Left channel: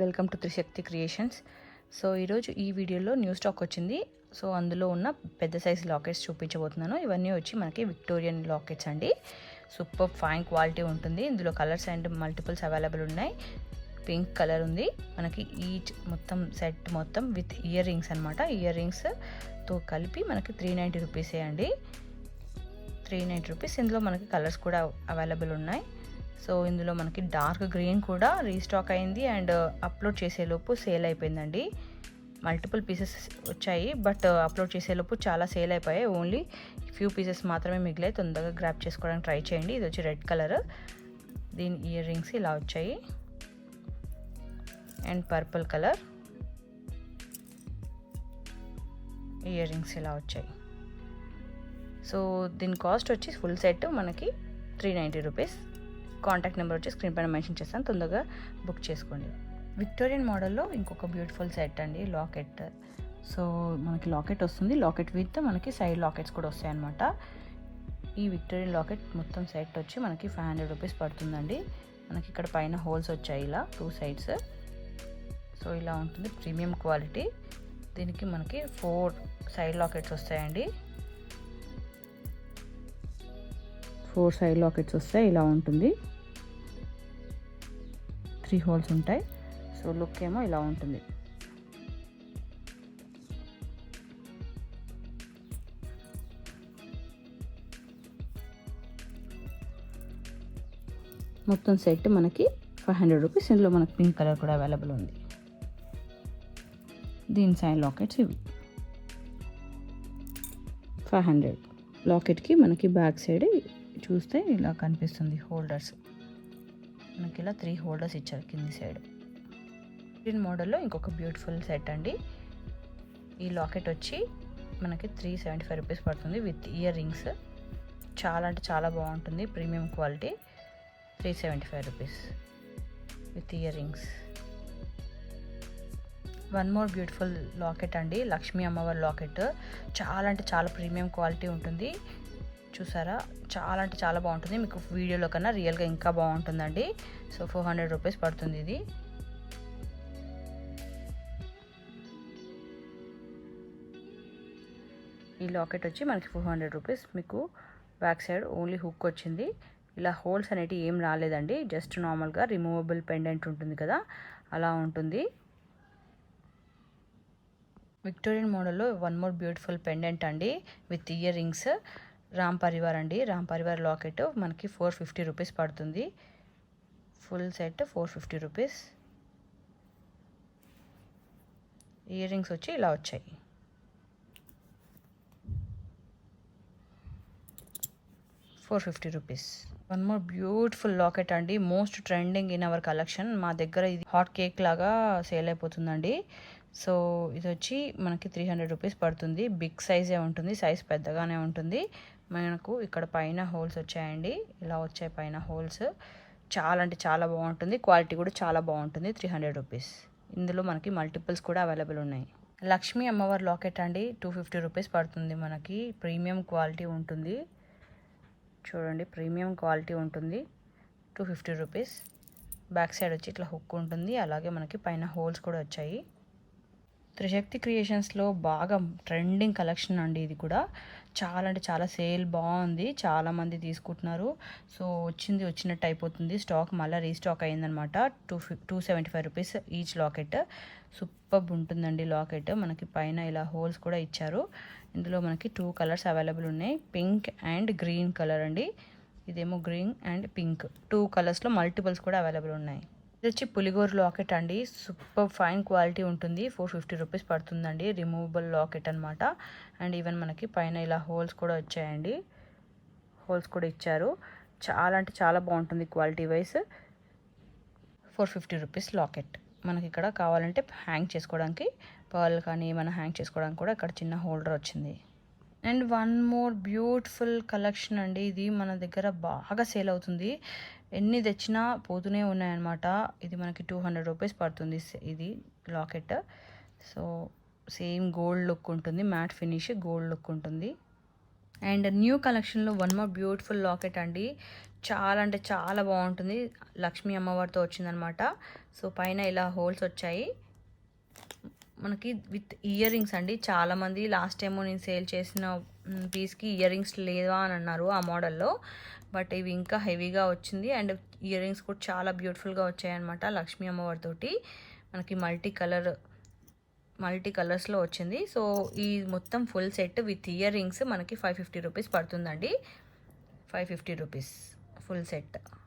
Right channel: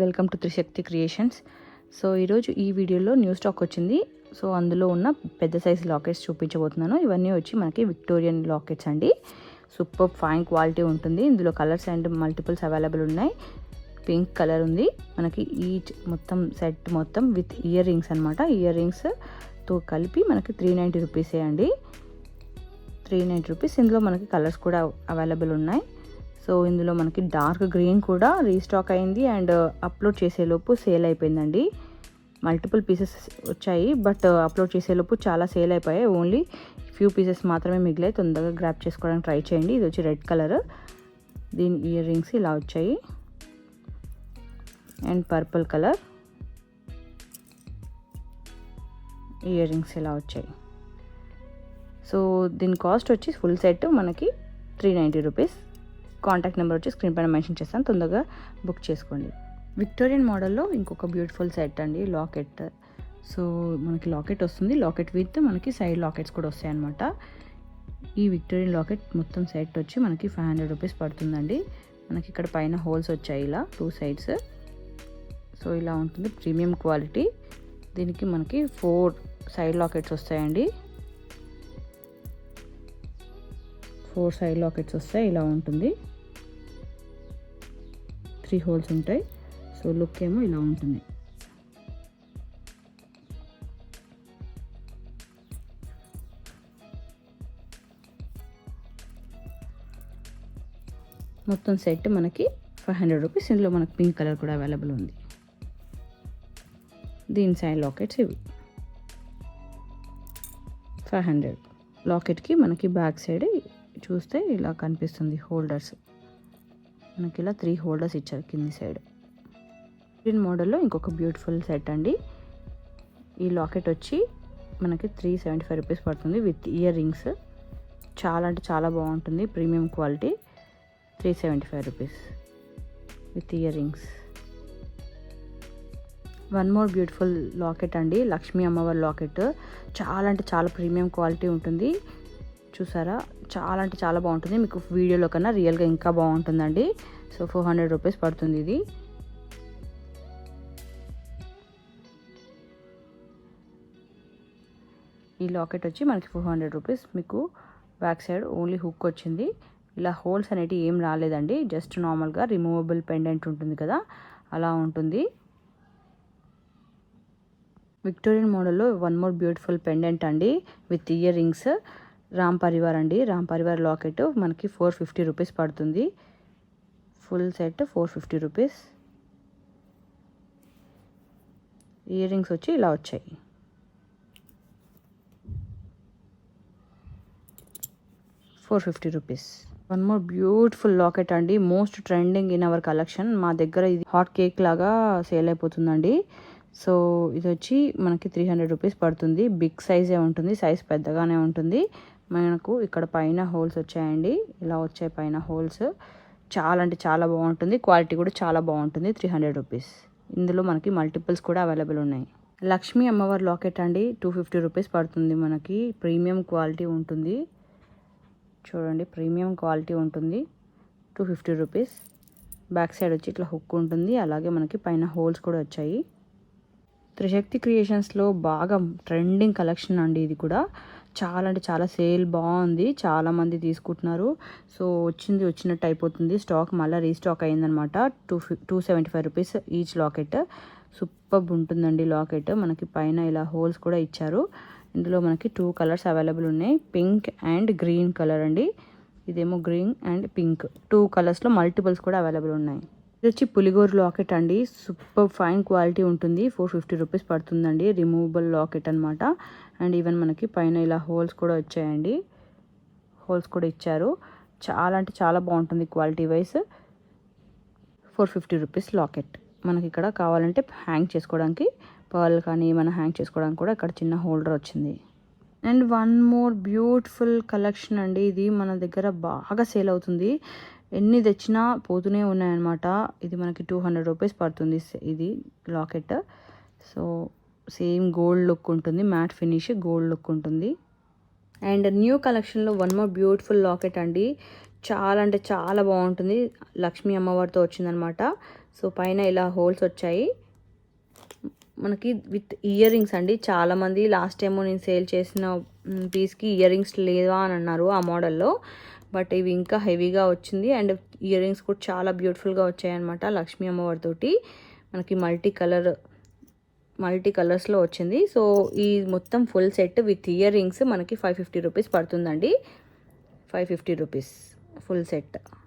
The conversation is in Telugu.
Welcome to Trishakti creations. So ఈరోజు ఈ వీడియోలో న్యూ స్టాక్ వచ్చింది. సో అందులో ఉన్న పెద్ద సైజ్ లాకెట్స్ చూపించబోతున్నాను. ఇవన్నీ వచ్చి మనకి విక్టోరియన్ లాకెట్స్ అండి. సూపర్ ఫైన్ క్వాలిటీ ఉంటుంది. ఇందులో కలర్స్ అండ్ మల్టిపుల్స్ అవైలబుల్ ఉన్నాయి. పింక్ కలర్ ఉంది మనకి. ఈచ్ మొత్తం సెట్ మొత్తం విత్ ఇయర్ రింగ్స్ అనమాట. ఇయర్ రింగ్స్తో కలిపి మనకి 390 రూపీసే అండి. 390 రూపీస్. ఇందులో మనకి కలర్స్ కూడా అవైలబుల్ ఉన్నాయి. సో ఇందులో మనకి డార్క్ గ్రీన్ కూడా రీస్టాక్ అయింది అండ్ అప్లోడ్ చేసేలోపు సేల్ అయిపోయిందండి. మల్టిపుల్ పీసెస్ వచ్చాయి బట్ అప్లోడ్ చేసేలోపు చాలా సేల్ అయిపోయాయి. ఓన్లీ ఫ్యూ పీసెస్ మాత్రమే మిగిలాయి. తొందరగా గ్రాప్ చేసుకోవడానికి ట్రై చేయండి. ఇది వచ్చి రెడ్ కలర్. దీని ఇయర్ రింగ్స్ ఇలా వచ్చాయి and purple colour ear rings ఇలా వచ్చాయి. సో దీని కాస్ట్ వచ్చి ఫుల్ సెట్ మనకి 390 రూపీస్. కాంటాక్ట్ నెంబర్ వచ్చి స్క్రీన్ పైన మెన్షన్ చేస్తాను. తొందరగా బుక్ చేసుకోండి. విక్టోరియన్ మోడల్లో ఇంకొక బ్యూటిఫుల్ సెట్ అండి, లాకెట్. సో మనకి లాకెట్ వస్తుంది. లాకెట్ విత్ మనకి సైడ్ లాకెట్స్ కూడా వస్తాయి అన్నమాట. ఈ విక్టోరియన్ లాకెట్ మొత్తం సెట్ వచ్చి మనకి 500 రూపీస్ పడుతుందండి. మనకి ఇక్కడ పైన హోల్స్ వచ్చాయి ఇలా 2 సైడ్స్. సో ఇలా ఉంటుంది, ప్రీమియం క్వాలిటీ. దీనికి మనకి 4 సైడ్ లాకెట్స్ వస్తాయండి. 4 సైడ్ లాకెట్స్ వస్తాయి. ఇలా ఉంటుంది. 3 హోల్స్ ఉంటాయి. సో లుక్ ఏమో ఇలా ఉంటుంది. మొత్తం సెట్ మనకి 500 రూపీస్. ఇందులో మనకి పింక్ కలర్ కూడా అవైలబుల్ ఉంది. దీని సైడ్ లాకెట్స్ ఇవి 500. లాకెట్కి మనకి బ్యాక్ సైడ్ చూస్తే ఇలా కనిపిస్తుంది హోల్డర్స్. మనకి ఇలా 3 హోల్డర్స్ ఇచ్చారు కింది సైడ్. గ్రీన్ మోడల్లో ఇంకొక బ్యూటిఫుల్ సెట్ అండి. ఈ లాకెట్ వచ్చి మనకి 375 రూపీస్ పడుతుంది విత్ ఇయర్ రింగ్స్. చాలా అంటే చాలా బాగుంటుంది, premium quality. 375 rupees with ear rings. One more beautiful locket అండి, లక్ష్మీ అమ్మవారి లాకెట్. చాలా అంటే చాలా ప్రీమియం క్వాలిటీ ఉంటుంది. చూసారా, చాలా అంటే చాలా బాగుంటుంది. మీకు వీడియోలో కన్నా రియల్గా ఇంకా బాగుంటుందండి. సో 400 రూపీస్ పడుతుంది ఇది. ఈ లాకెట్ వచ్చి మనకి 400 రూపీస్. మీకు బ్యాక్ సైడ్ ఓన్లీ హుక్ వచ్చింది. ఇలా హోల్స్ అనేవి ఏం రాలేదండి. జస్ట్ నార్మల్గా రిమూవబుల్ పెండెంట్ ఉంటుంది కదా, అలా ఉంటుంది. విక్టోరియన్ మోడల్లో వన్ మోర్ బ్యూటిఫుల్ పెండెంట్ అండి with earrings. Ram Parivar అండి. రామ్ పరివార్ లాకెట్ మనకి 450 రూపీస్ పడుతుంది. Full set 450 rupees. Earrings వచ్చి ఇలా వచ్చాయి. Rupees. One more beautiful locket అండి, most trending in our collection. మా దగ్గర ఇది హాట్ కేక్ లాగా సేల్ అయిపోతుందండి. సో ఇది వచ్చి మనకి 300 రూపీస్ పడుతుంది. బిగ్ సైజే ఉంటుంది, సైజ్ పెద్దగానే ఉంటుంది. మనకు ఇక్కడ పైన హోల్స్ వచ్చాయండి, ఇలా వచ్చాయి పైన హోల్స్. చాలా అంటే చాలా బాగుంటుంది, క్వాలిటీ కూడా చాలా బాగుంటుంది. 300 రూపీస్. ఇందులో మనకి మల్టిపుల్స్ కూడా అవైలబుల్ ఉన్నాయి. లక్ష్మీ అమ్మవారి లాకెట్ అండి, 250 రూపీస్ పడుతుంది మనకి. ప్రీమియం క్వాలిటీ ఉంటుంది. చూడండి, ప్రీమియం క్వాలిటీ ఉంటుంది. 250 రూపీస్. బ్యాక్ సైడ్ వచ్చి ఇట్లా హుక్ ఉంటుంది. అలాగే మనకి పైన హోల్స్ కూడా వచ్చాయి. త్రిశక్తి క్రియేషన్స్లో బాగా ట్రెండింగ్ కలెక్షన్ అండి ఇది కూడా. చాలా అంటే చాలా సేల్ బాగుంది, చాలామంది తీసుకుంటున్నారు. సో వచ్చినట్టు అయిపోతుంది. స్టాక్ మళ్ళీ రీస్టాక్ అయిందనమాట. 275 రూపీస్ ఈచ్ లాకెట్. సూపర్ ఉంటుందండి లాకెట్. మనకి పైన ఇలా హోల్స్ కూడా ఇచ్చారు. ఇందులో మనకి 2 కలర్స్ అవైలబుల్ ఉన్నాయి, పింక్ అండ్ గ్రీన్ కలర్ అండి. ఇదేమో గ్రీన్ అండ్ పింక్. 2 కలర్స్లో మల్టిపుల్స్ కూడా అవైలబుల్ ఉన్నాయి. ఇది వచ్చి పులిగోరు లాకెట్ అండి. సూపర్ ఫైన్ క్వాలిటీ ఉంటుంది. 450 రూపీస్ పడుతుందండి. రిమూవబుల్ లాకెట్ అనమాట. అండ్ ఈవెన్ మనకి పైన ఇలా హోల్స్ కూడా వచ్చాయండి, హోల్స్ కూడా ఇచ్చారు. చాలా అంటే చాలా బాగుంటుంది క్వాలిటీ వైజ్. 450 rupees locket. మనకి ఇక్కడ కావాలంటే హ్యాంగ్ చేసుకోవడానికి పర్ల్ కానీ ఏమైనా హ్యాంగ్ చేసుకోవడానికి కూడా ఇక్కడ చిన్న హోల్డర్ వచ్చింది. And one more beautiful collection అండి. ఇది మన దగ్గర బాగా సేల్ అవుతుంది. ఎన్ని తెచ్చినా పోతూనే ఉన్నాయన్నమాట. ఇది మనకి 200 రూపీస్ పడుతుంది ఇది locket. So same gold look ఉంటుంది, మ్యాట్ ఫినిష్ గోల్డ్ లుక్ ఉంటుంది. అండ్ న్యూ కలెక్షన్లో వన్ మోర్ బ్యూటిఫుల్ లాకెట్ అండి. చాలా అంటే చాలా బాగుంటుంది. లక్ష్మీ అమ్మవారితో వచ్చిందనమాట. సో పైన ఇలా హోల్స్ వచ్చాయి మనకి విత్ ఇయర్ రింగ్స్ అండి. చాలామంది లాస్ట్ టైం నేను సేల్ చేసిన పీస్కి ఇయర్ రింగ్స్ లేదా అని అన్నారు ఆ మోడల్లో. బట్ ఇవి ఇంకా హెవీగా వచ్చింది అండ్ ఇయర్ రింగ్స్ కూడా చాలా బ్యూటిఫుల్గా వచ్చాయన్నమాట. లక్ష్మీ అమ్మవారితోటి మనకి మల్టీ కలర్స్లో వచ్చింది. సో ఈ మొత్తం full set with ear rings మనకి 550 రూపీస్ పడుతుందండి. 550 రూపీస్ ఫుల్ సెట్.